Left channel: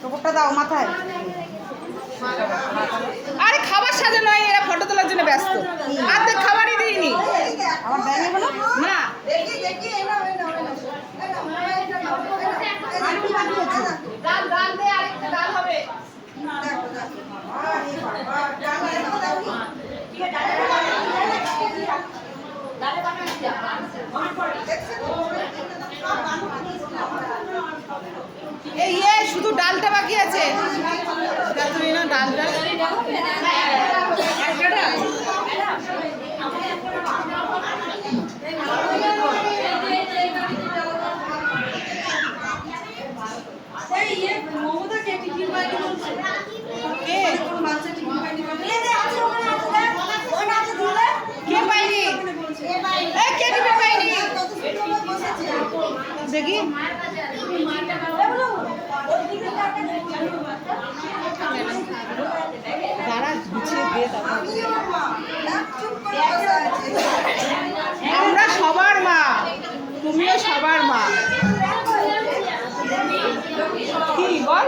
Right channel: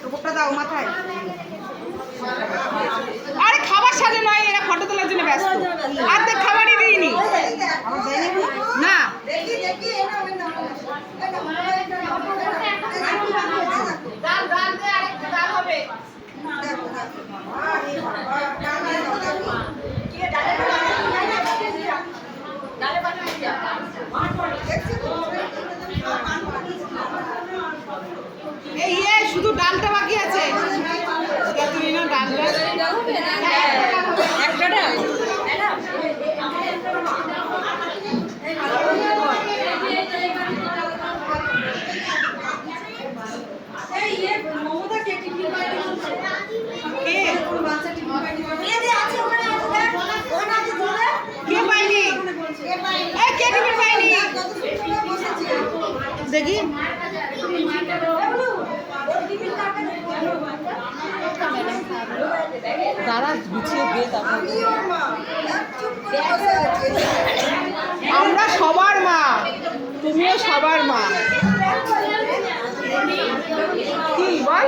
টোপরটা দাও মাথায়। আরে খাবার সাজা নয়, এরা ফটো তোলার জন্য ব্যস্ত। অর্ধেক খাবারই দিইনি না। শুধু ডালটা বাকি আছে। তুমি না ডালটা একটা ডাল দেখি দাঁড়া গুছিয়ে দিয়ে তারপর। আমরা সবার মা, তুমিও সবার মা। কি বল?